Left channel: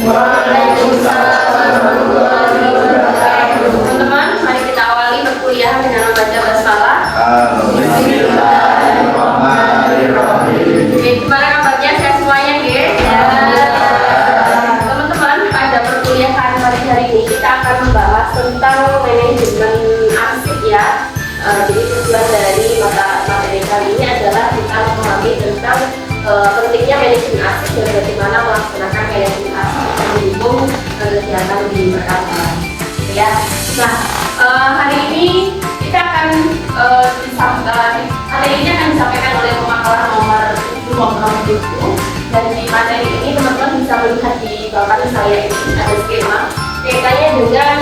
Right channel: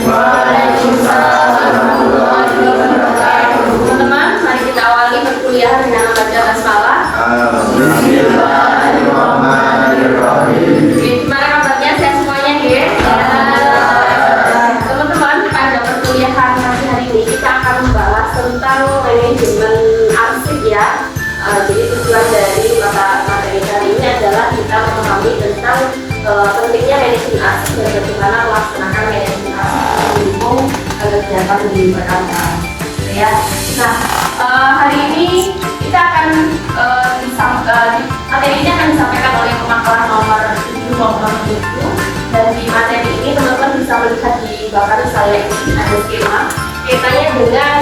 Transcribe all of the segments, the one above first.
Waalaikumsalam warahmatullahi wabarakatuh. Teman-teman, mari kita awali perkuliahan dengan membaca basmalah. Bismillahirrahmanirrahim. Oke, gimana kabarnya? Sehat semuanya, ya? Teman-teman, pada perkuliahan pagi hari ini kita akan membahas tentang manajemen arsip, ya. Jadi tujuan dari materi kali ini adalah kita memahami tentang pentingnya manajemen arsip dan bagaimana melaksanakan manajemen arsip mendukung kegiatan di perkantoran. Ya. Nah, hari ini kita akan materi ini akan disampaikan oleh pemakaran nomor 7 dan di materi ini teman-teman bisa melihat di belakang saya ini ada skema kaitannya dengan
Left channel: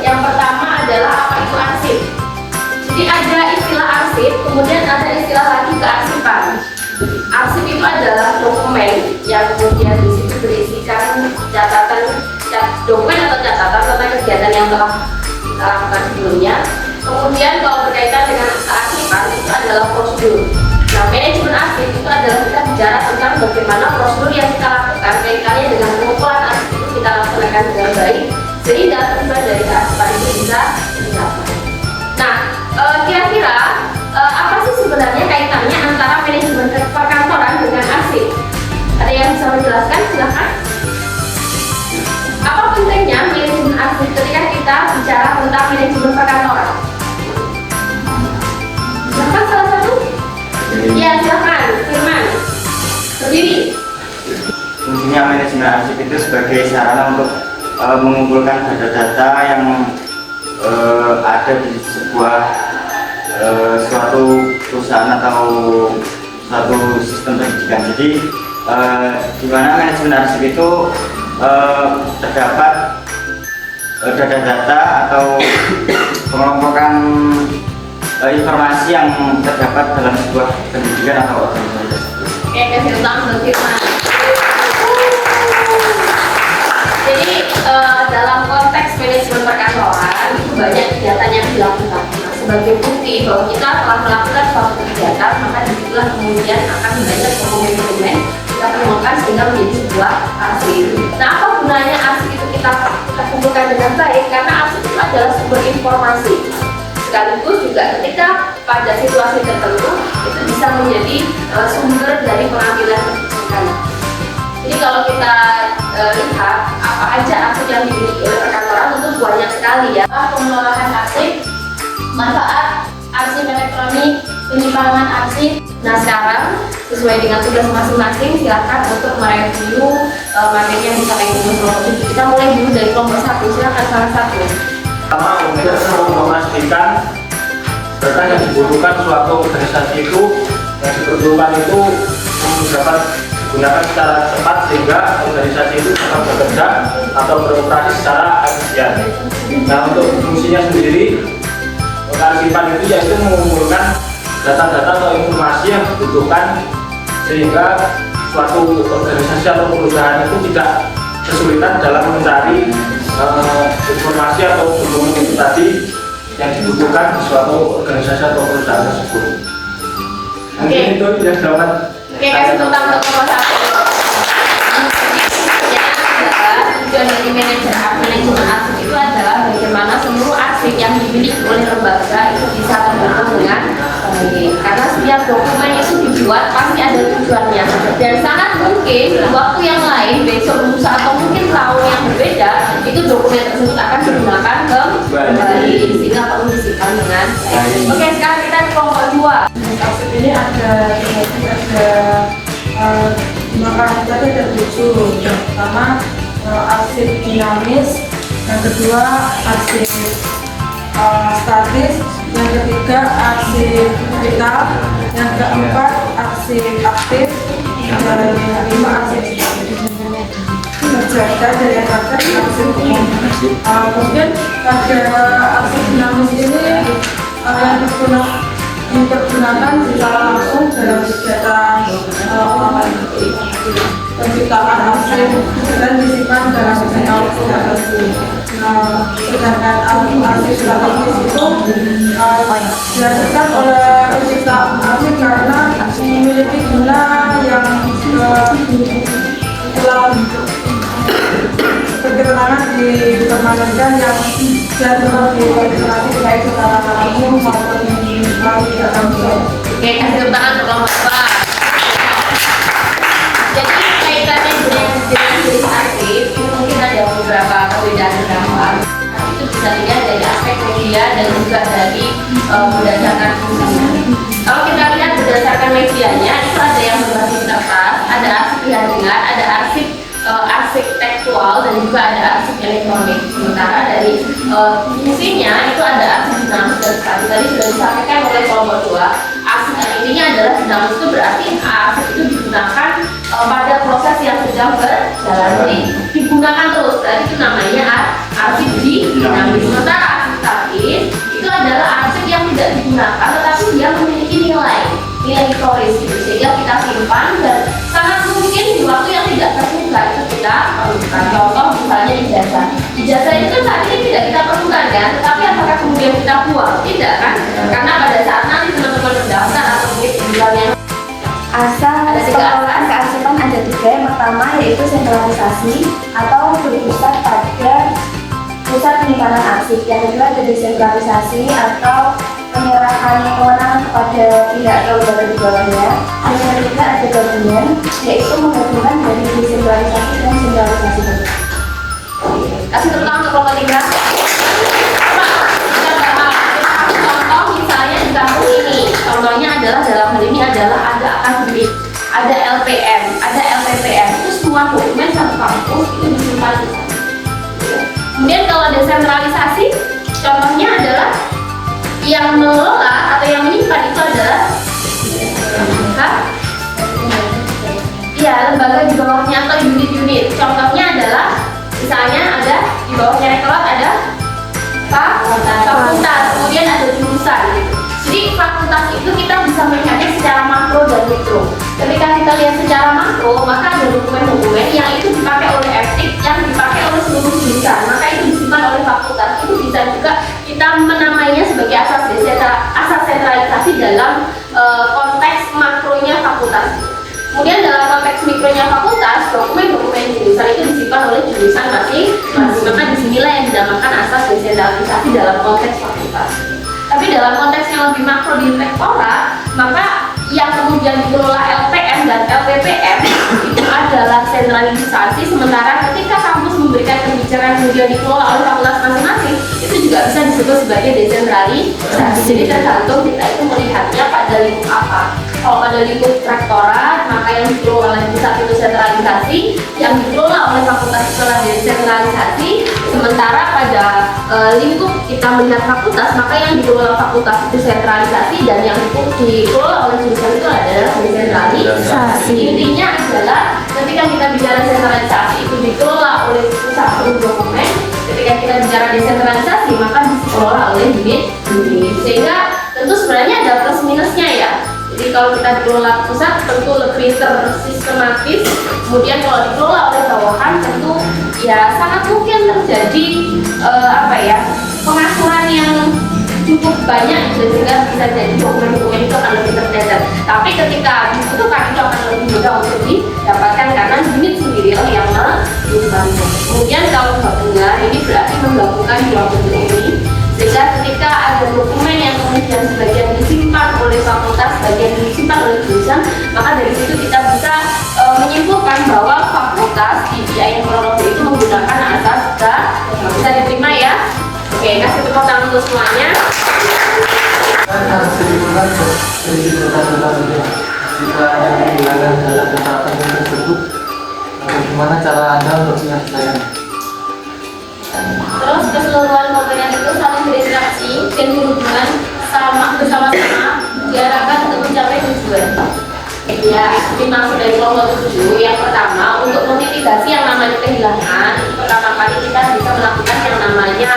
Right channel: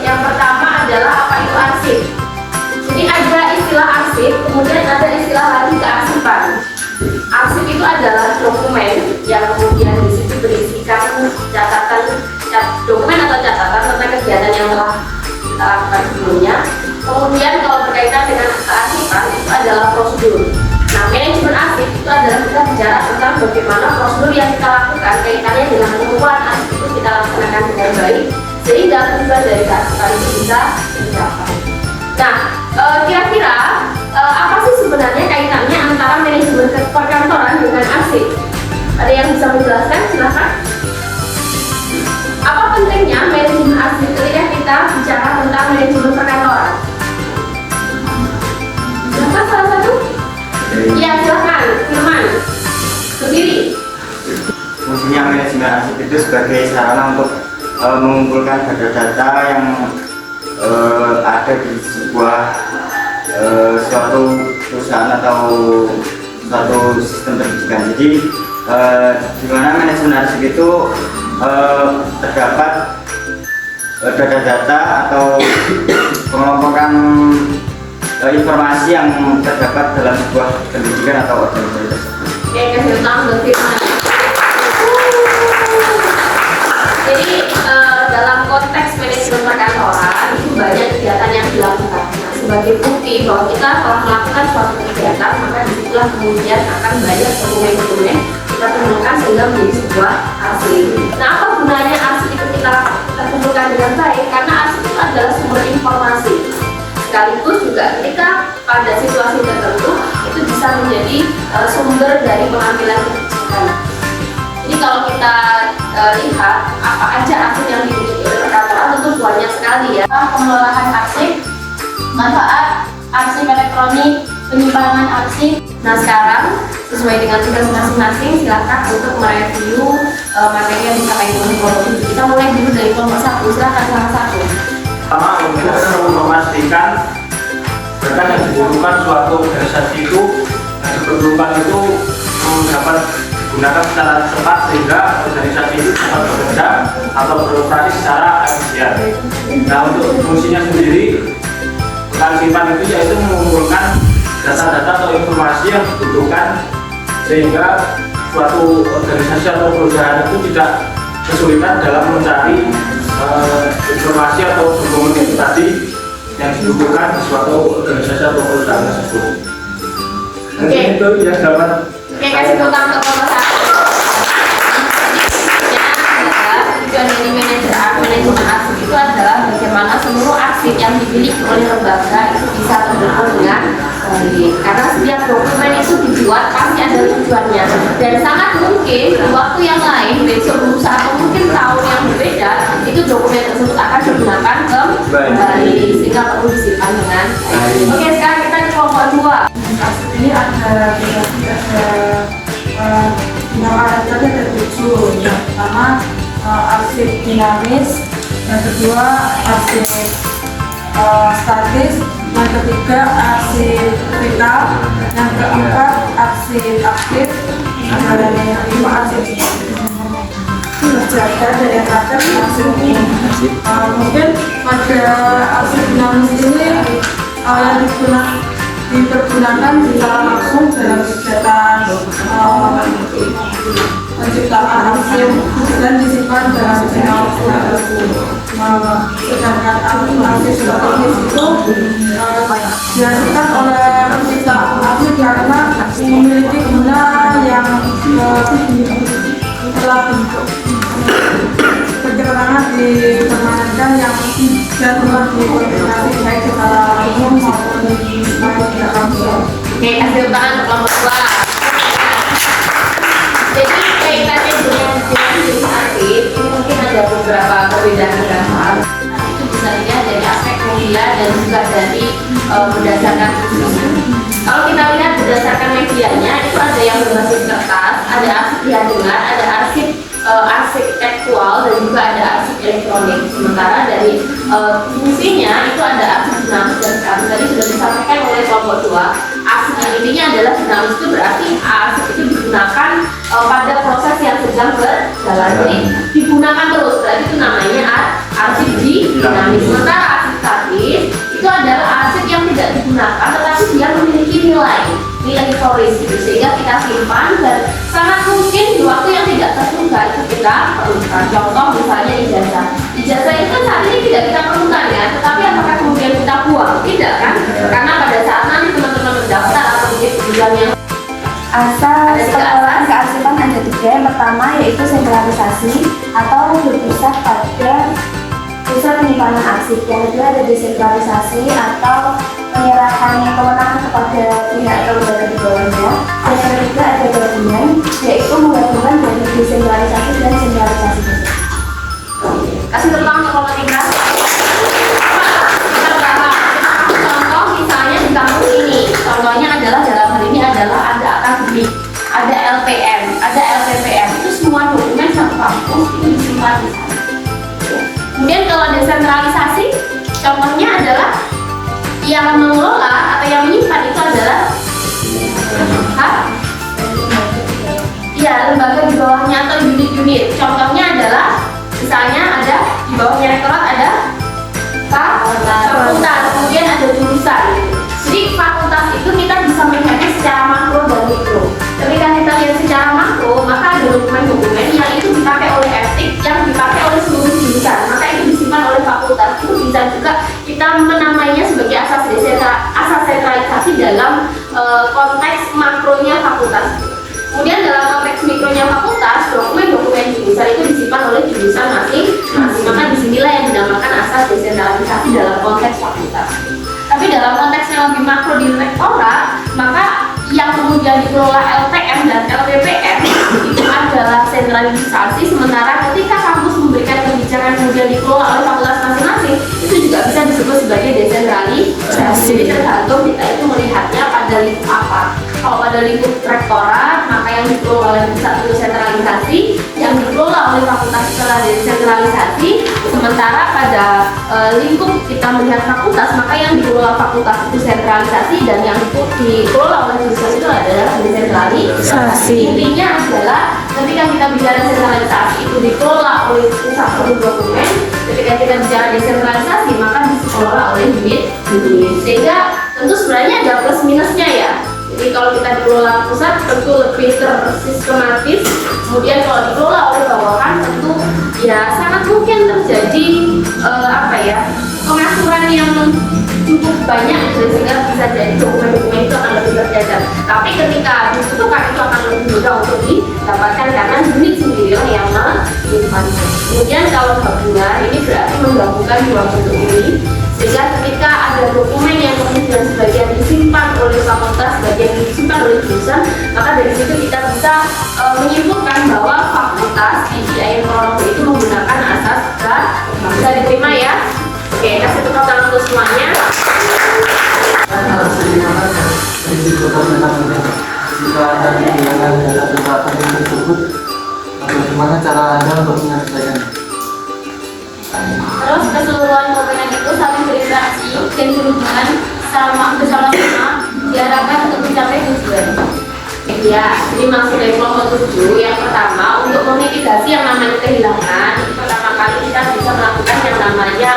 yang pertama adalah apa itu arsip. Jadi ada istilah arsip, kemudian ada istilah lagi kearsipan. Arsip itu adalah dokumen yang kemudian di situ berisikan dokumen atau catatan tentang kegiatan yang telah kita lakukan sebelumnya. Kemudian kalau berkaitan dengan kearsipan itu adalah prosedur. Nah, manajemen arsip itu adalah kita bicara tentang bagaimana prosedur yang kita lakukan kaitannya dengan pengumpulan arsip itu kita laksanakan dengan baik sehingga tujuan dari kearsipan itu bisa dicapai. Nah, kira-kira apa sih sebenarnya kaitannya antara manajemen perkantoran dengan arsip? Ada yang bisa menjelaskan? Silahkan. Apa pentingnya manajemen arsip ketika kita bicara tentang manajemen perkantoran? Silahkan salah satu. Ya, silahkan. Firman. Berdiri. Fungsinya manajemen arsip itu sebagai sarana untuk mengumpulkan data-data yang ada di sebuah suatu perusahaan atau suatu sistem pendidikan. Jadi di mana manajemen arsip itu terdapat data-data atau pengelompokan informasi yang terdapat dalam sebuah pendidikan atau organisasi tersebut. Oke, kasih tangan buat Firman. Jadi dalam konteks manajemen perkantoran itu banyak kegiatan yang dilakukan. Nah, sebagai bukti bahwa kita telah melakukan suatu kegiatan, maka disitulah kemudian akan banyak dokumen-dokumen kita temukan sehingga menjadi sebuah arsip. Nah, apa gunanya arsip itu kita kumpulkan dengan baik? Karena arsip itu adalah sumber informasi. Sekaligus juga ketika pada situasi tertentu itu bisa menjadi sumber dari pengambilan kebijakan. Jadi kalau kita lihat apa aja arsip yang dimiliki oleh perkantoran tentu banyak sekali, ya. Pengolahan arsip, manfaat arsip elektronik, penyimpanan arsip. Nah, sekarang sesuai dengan tugas masing-masing silakan untuk mereview materi yang disampaikan dengan kelompok ini. Kita mulai dulu dari kelompok 1. Silakan salah satu. Pertama, untuk memastikan berkas yang dibutuhkan suatu organisasi itu yang diperlukan itu dapat digunakan secara cepat sehingga organisasi itu dapat bekerja atau beroperasi secara efisien. Nah, untuk fungsinya sendiri, kearsipan itu yaitu mengumpulkan data-data atau informasi yang dibutuhkan sehingga suatu organisasi atau perusahaan itu tidak kesulitan dalam mencari informasi atau dokumen itu tadi yang dibutuhkan di suatu organisasi atau perusahaan tersebut. Mungkin itu yang dapat. Oke, kasih tepuk tangan untuk kelompok 1. Tujuan dari manajemen arsip itu adalah bagaimana seluruh arsip yang dimiliki oleh lembaga itu bisa terhubung dengan baik. Karena setiap dokumen itu dibuat pasti ada tujuannya dan sangat mungkin di waktu yang lain, besok lusa atau mungkin tahun yang berbeda itu dokumen tersebut akan digunakan kembali sehingga perlu disimpan dengan baik. Oke, sekarang kita ke kelompok 2. Arsip ini ada ada 7. Yang pertama arsip dinamis, yang kedua arsip statis, yang ketiga arsip vital, yang keempat arsip aktif, dan yang kelima arsip terjaga daya tahan arsip umum. Mungkin pada arsip dinamis ini yang dipergunakan secara langsung dalam kegiatan penciptaan arsip dan disimpan dalam jurnal tersebut. Sedangkan arsip strategis itu dihasilkan oleh pencipta arsip karena memiliki guna yang telah dipermanenkan yang tetap dikoordinasi baik secara umum maupun di kantor. Oke, kasih tepuk tangan untuk kelompok 2. Jadi kaitannya dengan jenis aktif ini mungkin ada beberapa perbedaan mendasar. Itu bisa dilihat dari aspek media dan juga dari berdasarkan fungsinya. Kalau kita lihat berdasarkan medianya, itu ada yang berbasis kertas, ada arsip jaringan, ada arsip tekstual, dan juga ada arsip elektronik. Sementara dari fungsinya itu ada arsip dinamis dan statis. Tadi sudah disampaikan oleh kelompok 2. Arsip yang intinya adalah dinamis, itu berarti arsip itu digunakan pada proses yang sedang berjalan. Jadi digunakan terus, berarti itu namanya arsip dinamis. Sementara arsip statis itu adalah arsip yang tidak digunakan, tetapi dia memiliki nilai historis gitu, sehingga kita simpan dan sangat mungkin di waktu yang tidak terduga itu kita perlukan. Contoh misalnya ijazah. Ijazah itu kan saat ini tidak kita perlukan kan, tetapi apakah kemudian kita buang? Tidak kan? Karena pada saat nanti teman-teman mendaftar atau mungkin yang asas pengelolaan kearsipan ada 3. Yang pertama yaitu sentralisasi atau berpusat pada pusat penyimpanan arsip. Yang kedua ada desentralisasi atau penyerahan kewenangan kepada pihak atau lembaga di bawahnya. Dan yang ketiga ada gabungan, yaitu menggabungkan dari desentralisasi dan sentralisasi. kasih tepuk tangan untuk kelompok 3. Kita bahas contoh misalnya di kampus ini. Contohnya adalah dalam hal ini adalah ada akademik, ada LPM, ada LPPM. Itu semua dokumen satu kampus itu disimpan di sana. Kemudian kalau desentralisasi, contohnya adalah yang mengelola atau yang menyimpan itu adalah lembaga di bawahnya atau unit-unit. Contohnya adalah misalnya ada di bawahnya rektorat ada fakultas, kemudian ada jurusan. Jadi fakultas itu kita bisa melihatnya secara makro dan mikro. Ketika kita lihat secara makro, maka ada dokumen-dokumen yang itu dipakai oleh FTIK, yang dipakai oleh seluruh jurusan, maka itu disimpan oleh fakultas. Itu bisa juga kita menamainya sebagai asas sentralisasi dalam konteks makronya fakultas. Kemudian dalam konteks mikronya fakultas, dokumen-dokumen jurusan itu disimpan oleh jurusan masing-masing. Maka disinilah yang dinamakan asas desentralisasi dalam konteks fakultas. Tapi dalam konteks yang lebih makro di rektorat, maka yang kemudian dikelola LPM dan LPPM itu adalah sentralisasi. Sementara ketika kampus memberikan kebijakan kemudian dikelola oleh fakultas masing-masing, itu juga bisa disebut sebagai desentralisasi. Jadi tergantung kita itu melihatnya pada lingkup apa. Kalau pada lingkup rektorat, maka yang dikelola oleh pusat itu sentralisasi, yang dikelola oleh fakultas itu adalah desentralisasi. Sementara pada lingkup kita melihat fakultas, maka yang dikelola fakultas itu sentralisasi, dan yang dikelola oleh jurusan itu adalah desentralisasi. Intinya adalah ketika kita bicara sentralisasi itu dikelola oleh pusat dokumen, ketika kita bicara desentralisasi maka dikelola oleh unit. Sehingga tentu sebenarnya ada plus minusnya ya. Jadi kalau kita dikelola pusat tentu lebih tersistematis, kemudian kalau dikelola oleh bawahan tentu ya sangat mungkin terjadi pengaturan yang cukup banyak, sehingga bisa jadi dokumen-dokumen itu akan lebih tercecer. Tapi ketika dibutuhkan itu akan lebih mudah untuk didapatkan karena unit sendiri yang menyimpannya. Kemudian kalau gabungan ini berarti menggabungkan dua bentuk ini, sehingga ketika ada dokumen yang kemudian sebagian disimpan oleh fakultas, sebagian disimpan oleh jurusan, maka dari situ kita bisa menyimpulkan bahwa fakultas di IAIN Purwonogo itu menggunakan asas bisa diterima ya. Oke, kasih tepuk tangan untuk semuanya. Harus digunakan prinsip dokumentasi. Jika Anda menggunakan data penting tersebut, bagaimana cara Anda untuk menyelesaikannya? Terus keseluruhan komponen itu saling berinteraksi dan berhubungan bersama-sama diarahkan untuk mencapai tujuan. Ya, ini maksud dari kelompok 7. Yang pertama, untuk memitigasi yang namanya kehilangan, pertama kali kita bisa melakukan yang namanya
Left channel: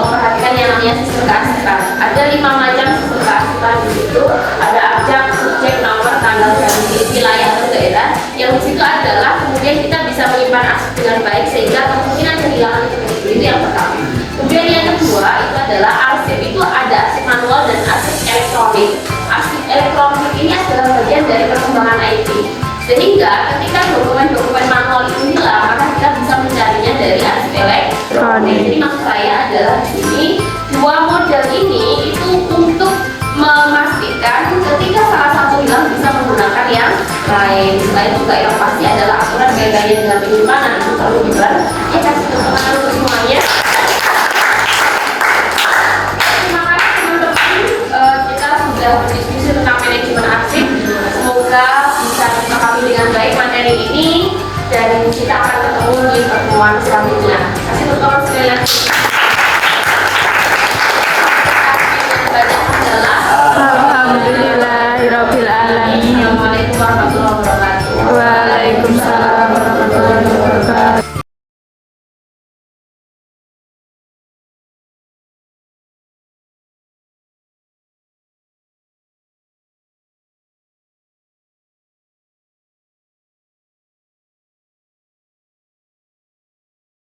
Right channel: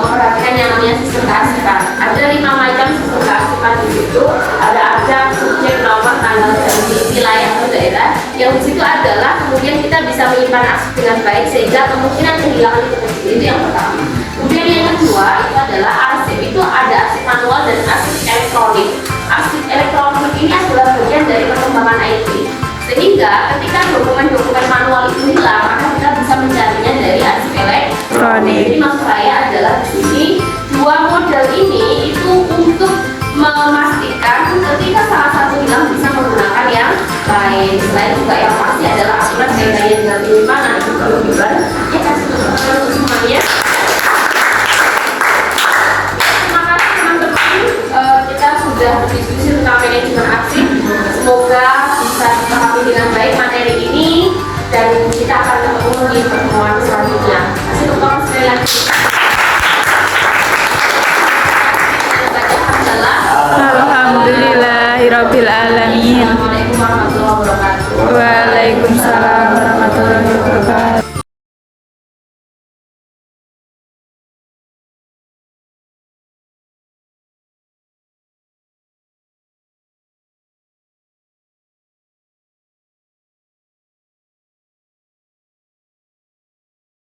memperhatikan yang namanya sistem kearsipan. Ada 5 macam sistem kearsipan di situ. Ada abjad, subjek, nomor, tanggal, dan wilayah atau daerah. Yang di situ adalah kemudian kita bisa menyimpan arsip dengan baik sehingga kemungkinan kehilangan itu kecil. Itu yang pertama. Kemudian yang kedua itu adalah arsip itu ada arsip manual dan arsip elektronik. Arsip elektronik ini adalah bagian dari perkembangan IT. Sehingga ketika dokumen-dokumen manual itu hilang, maka kita bisa mencarinya dari arsip elektronik. elektronik. Jadi maksud saya adalah di sini dua model ini itu untuk memastikan ketika salah satu hilang bisa menggunakan yang lain. Selain juga yang pasti adalah aturan kaitannya dengan penyimpanan itu perlu ya kasih kesempatan untuk semuanya. Terima kasih teman-teman. Kita sudah berdiskusi tentang manajemen arsip. Semoga bisa dipahami dengan baik materi ini dan kita akan ketemu di